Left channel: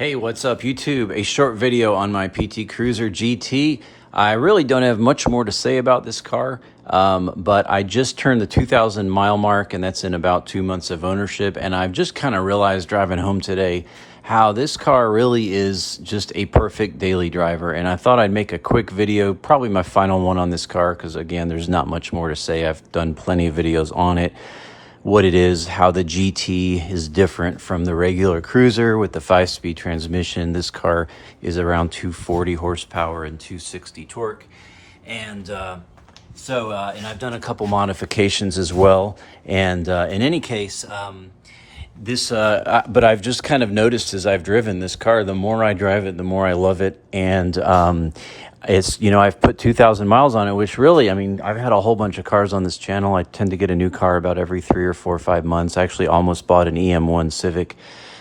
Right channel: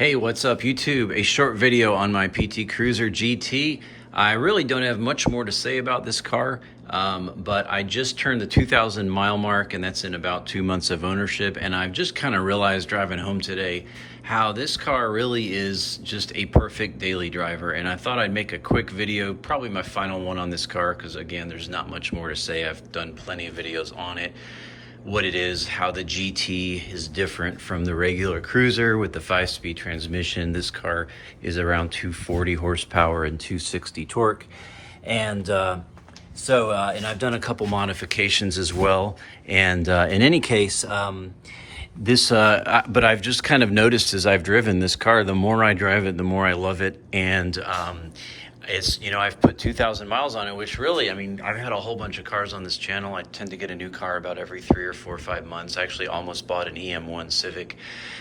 Hey, what's up YouTube? A short video on my PT Cruiser GT. I really don't have much more to say about this car, but I just turned the 2,000 mile mark, and that's in about 2 months of ownership. And I've just kind of realized driving home today how this car really is just a perfect daily driver. And I thought I'd make a quick video, probably my final one on this car, because again, there's not much more to say. I've done plenty of videos on it, what it is, how the GT is different from the regular Cruiser with the 5-speed transmission. This car is around 240 horsepower and 260 torque. And and I've done a couple modifications as well. And in any case, but I've just kind of noticed as I've driven this car, the more I drive it, the more I love it. And it's, I've put 2,000 miles on it, which really, I've had a whole bunch of cars on this channel. I tend to get a new car about every 3 or 4 or 5 months. I actually almost bought an EM1 Civic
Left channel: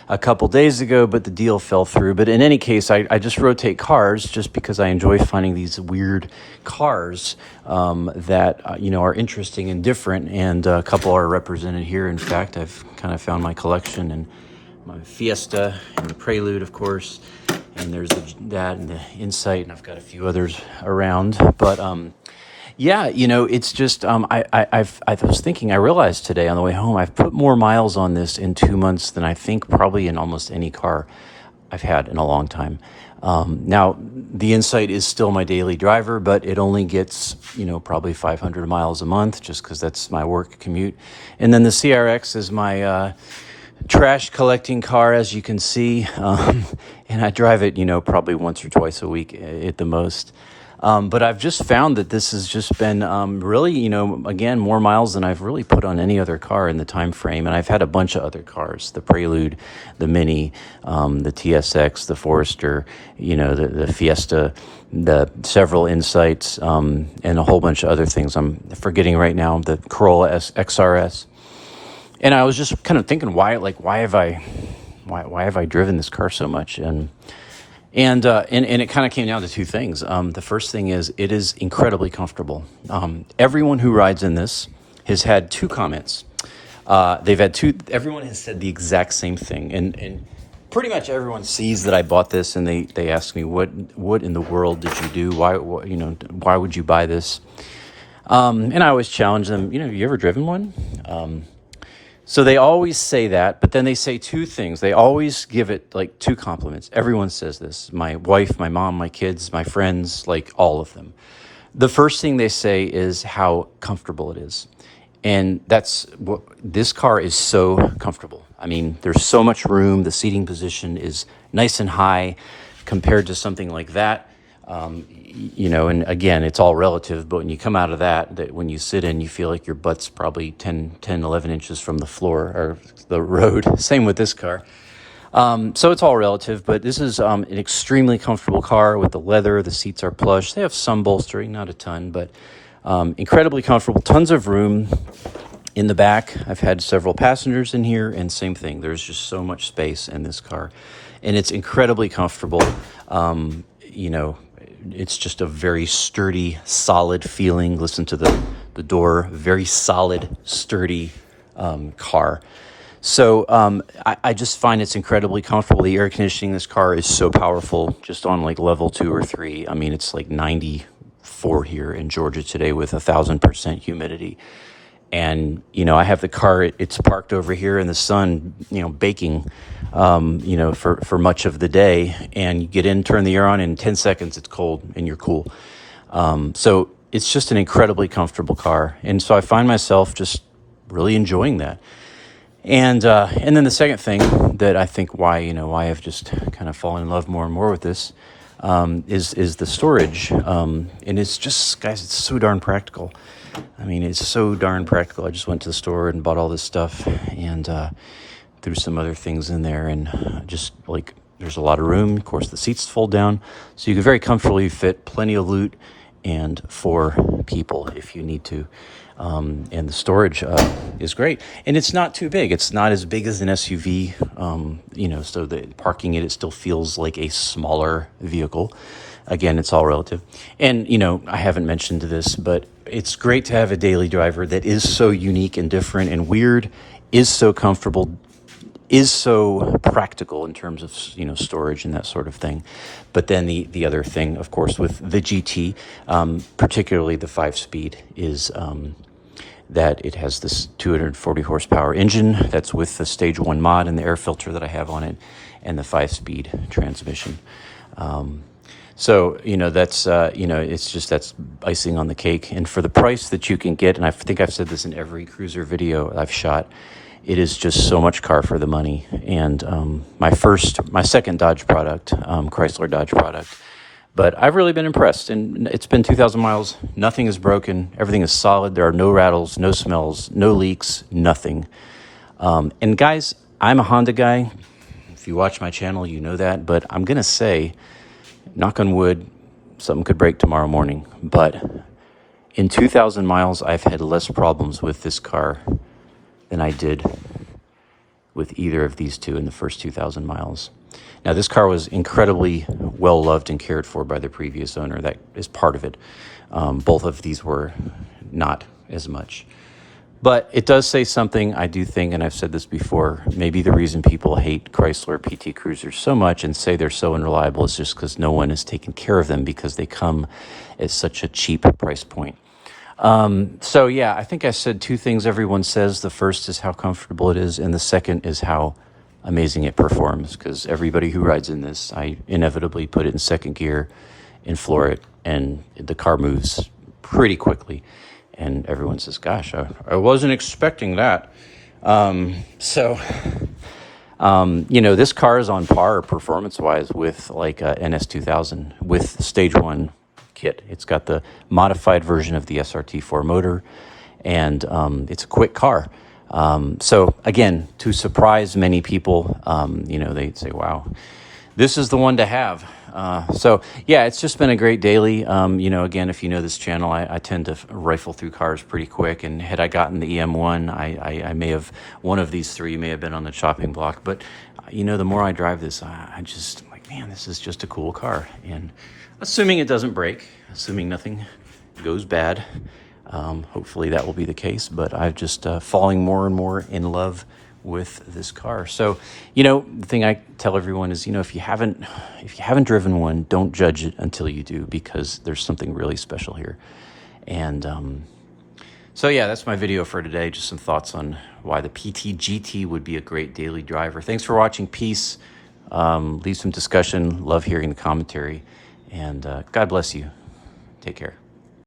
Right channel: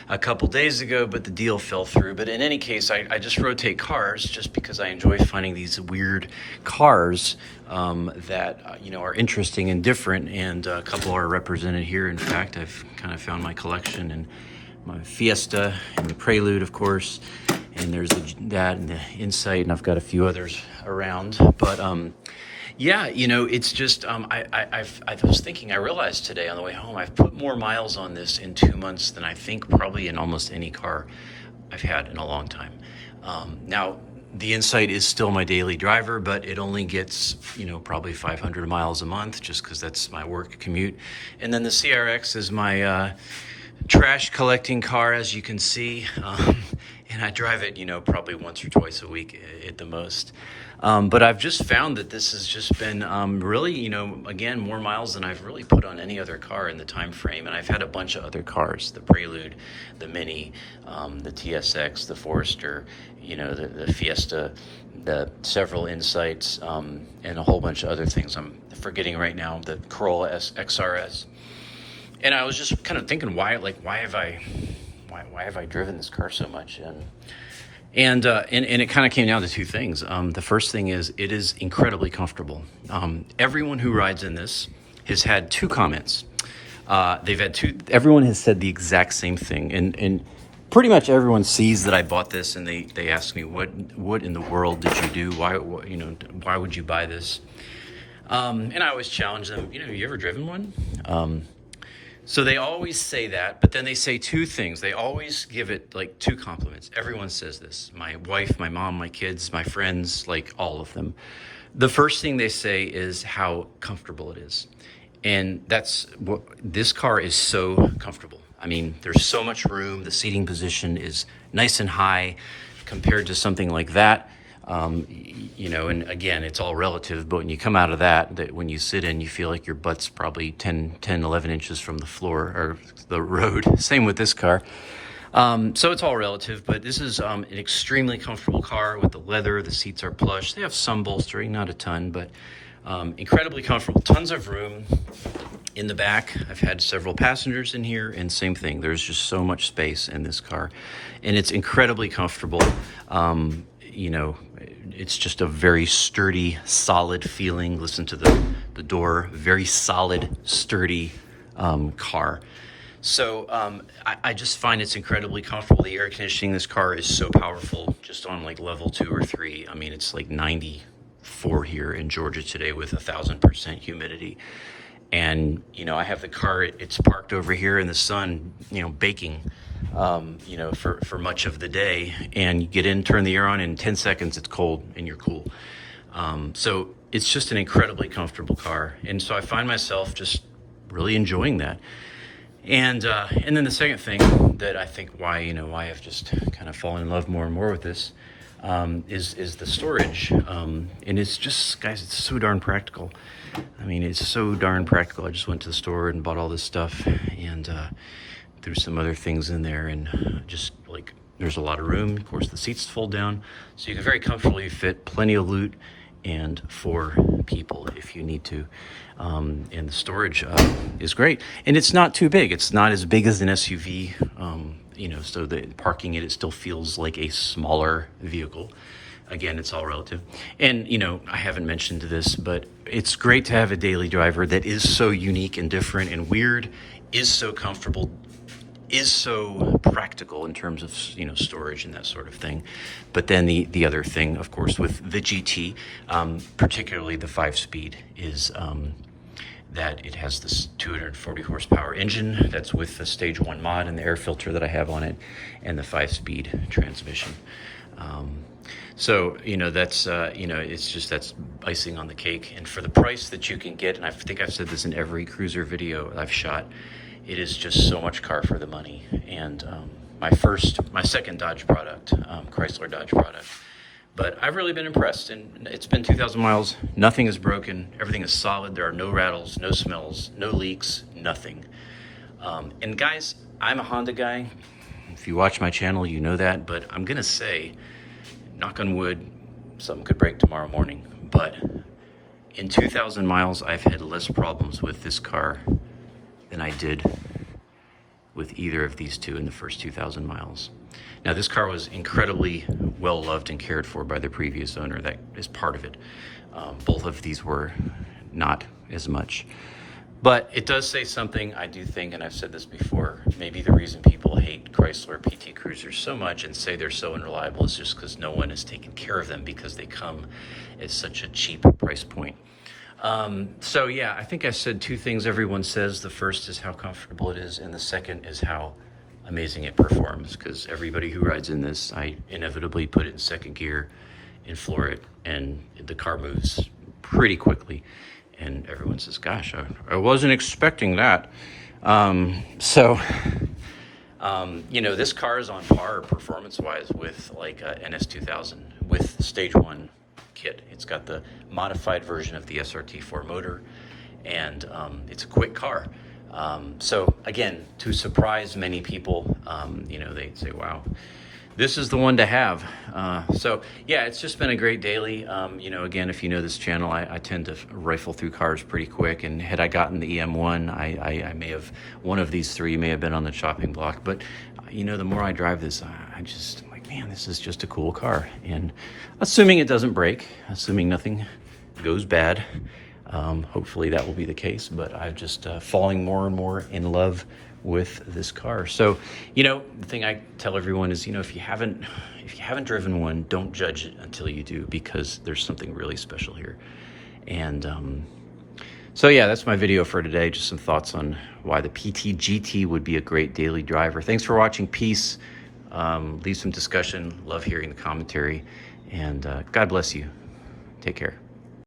a couple days ago, but the deal fell through. But in any case, I just rotate cars just because I enjoy finding these weird cars that, are interesting and different. And a couple are represented here. In fact, I've kind of found my collection, and my Fiesta and the Prelude, of course. And there's that and the Insight, and I've got a few others around. But yeah, it's just I was thinking, I realized today on the way home, I've put more miles on this in 2 months than I think probably in almost any car I've had in a long time. Now the Insight is still my daily driver, but it only gets probably 500 miles a month, just because that's my work commute. And then the CRX is my trash collecting car, as you can see, and I drive it, probably once or twice a week at the most. But I've just found that this has just been really, again, more miles than I've really put on any other car in the time frame. And I've had a bunch of other cars: the Prelude, the Mini, the TSX, the Forester, the Fiesta, the several Insights, and a whole bunch of other things I'm forgetting right now, the Corolla XRS. And I was just kind of thinking, why have I driven this car so much? And it kind of came down to two things. The first thing is, it is incredibly comfortable. Everyone who rides in this has had two comments. Everyone has said the exact same thing. And pretty much everyone sees that I bought this, and they ask me, what in the world did you do? Why would you buy this? And I always challenge them, have you ever driven one? So they always say that, but then they say two things. They always give it like two compliments. Everyone says this: my wife, my mom, my kids, my friends, like all of them. The first thing they say is how comfortable it is. And that's what this car is, so comfortable. There's so much room. The seating position is nice and high compared to something like that. And again, it's all relative, but when you come out of that when you sit in, you feel like your butt's probably 11 inches from the floor or the road. Same with this car. So it's all relative, but this is an extremely comfortable car with the leather. The seats are plush. They have some bolstering, not a ton, but incredibly comfortable. Tons of room in the back. I've had several passengers in here, and same thing. There's just so much space in this car, and it's incredibly comfortable. It's just a very sturdy, solid feeling. Listen to the door, very solid, sturdy car. So I just find it's incredibly comfortable. The air conditioning in this car is so powerful, just on like level 2 or 3. It's like 94 here in Georgia today with 1,000% humidity. And, I have the car, it's parked over here in the sun, baking, for much of the day. And you get in, turn the air on, in 10 seconds, it's cold and you're cool. So it's just an incredibly comfortable car. And so I find myself just really enjoying that. And then the second thing that I think why I've just kind of fallen in love more and more with this, is the storage. And it's just, guys, it's so darn practical. It's so darn practical. I just went to the store and bought all this stuff, and threw some other things in there, and just like, there's a lot of room. Of course, the seats fold down, so you can very comfortably fit plenty of loot, and 4 people if you need to. And the storage is great, and it's not too big. It's not as big as an SUV, so that parking it still feels like a smaller vehicle. Again, it's all relative. And, I haven't mentioned this, but it's great to have a daily driver that is so unique and different and weird, is so comfortable, is so practical in terms of, storage and that sort of thing. But then the other thing, of course, with the GT, particularly the 5-speed, is that it has this 240 horsepower engine that's with the Stage 1 mod and the air filter that I have on it, and the 5-speed transmission. So, that's, it's just, that's icing on the cake. And for the price that you can get, and I think I've said this in every cruiser video I've shot, it is just so much car for the money. And my second Dodge product, Chrysler Dodge product, but I've really been impressed. And it's been 2,000 miles, nothing is broken, everything is solid, there are no rattles, no smells, no leaks, nothing. And guys, I'm a Honda guy. If you watch my channel, you know that, but I'm gonna say, knock on wood, something could break tomorrow morning. But in 2,000 miles, I've had less problems with this car than I did with either of these two in the first 2,000 miles. Now, this car was incredibly well loved and cared for by the previous owner. That is part of it. Both of these were not as much. But it does say something, I do think, and I've said this before, maybe the reason people hate Chrysler PT Cruisers so much and say they're so unreliable is just because no one is taking care of them because they come at such a cheap price point. So yeah, I think I said two things everyone says. The first is how comfortable it is, and the second is how amazing it performs, because everybody who rides in this, I inevitably put it in second gear and floor it, and the car moves pretty quickly. And everyone says, gosh, I wasn't expecting that. This car is on par performance-wise with like a NS2000 with Stage 1 kit. It's got the modified version of the SRT4 motor, and it's a quick car. So again, to surprise many people, they say, wow, this is the one to have. So yeah, it's just been a great daily. Again, if you know this channel, I tend to rifle through cars pretty quick. And had I gotten the EM1, I may have, one of these three may have been on the chopping block. But, the more I drive this, I'm like, man, this is just a cool car. And assuming it doesn't break, assuming nothing goes bad, hopefully that will be the case. But I'm just falling more and more in love with this car. So, the thing I tell everyone is, if you haven't driven one, don't judge it until you do, because there's something really special here. And so yeah, that's my video for today. Just some thoughts on why the PT GT would be a great daily driver. Thanks for watching. Peace. Leave some discussion. Love hearing the commentary. And God bless you. Take care.